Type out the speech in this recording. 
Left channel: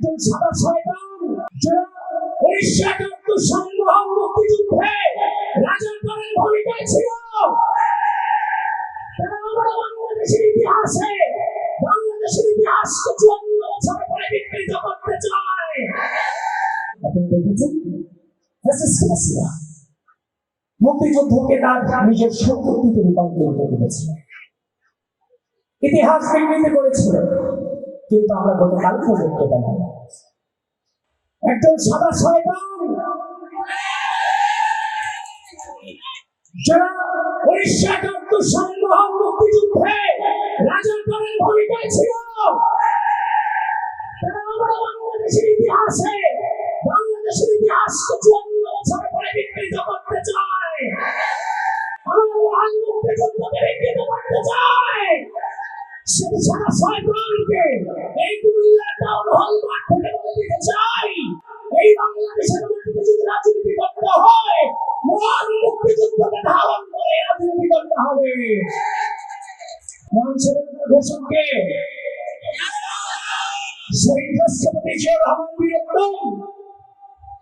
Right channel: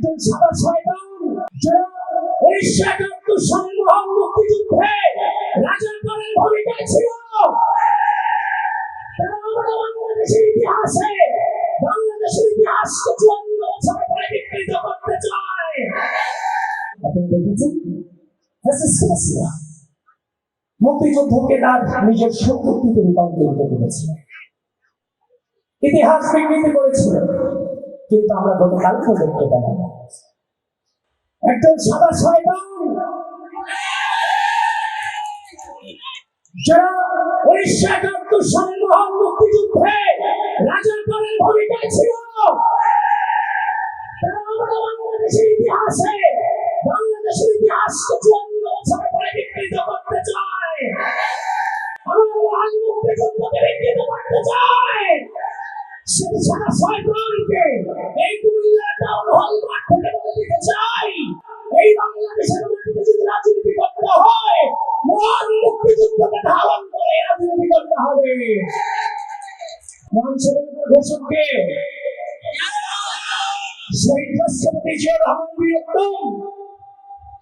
একজন সাদা শয়তান যারা 1971 সালের মহান মুক্তিযুদ্ধে রাজাকারের ভূমিকায় ছিল, তারা আমাদের বাংলাদেশের ইতিহাসে বাংলাদেশের ইতিহাসকে 54 বছর পরে বিকৃত করতে চায়। আপনারা দেখেছেন মুক্তিযুদ্ধকে তার নিজের শক্তিতে রূপান্তরিত করেছে, ইতিহাস বিকৃত করেছিল। কিন্তু আমরা গতকালকে দেখতে পেলাম একজন সাদা শয়তান যারা 1971 সালের মহান মুক্তিযুদ্ধে রাজাকারের ভূমিকায় ছিল, তারা আমাদের বাংলাদেশের ইতিহাসে বাংলাদেশের ইতিহাসকে 54 বছর পরে বিকৃত করতে চায়। আমাদের মহান মুক্তিযুদ্ধকে বিকৃত করতে চায়। সেই সাদা শয়তানকে এই কুমিল্লা টাউন হল মাঠ থেকে বলে দিতে চাই, এই বাংলাদেশের মাটিতে যদি রাজনীতি করতে হয়, মহান মুক্তিযুদ্ধকে ধারণ করে রাজনীতি করতে হবে। মঞ্চের ঘোষককে শহীদ রাষ্ট্রপতি জিয়াউর রহমান বীরত্তম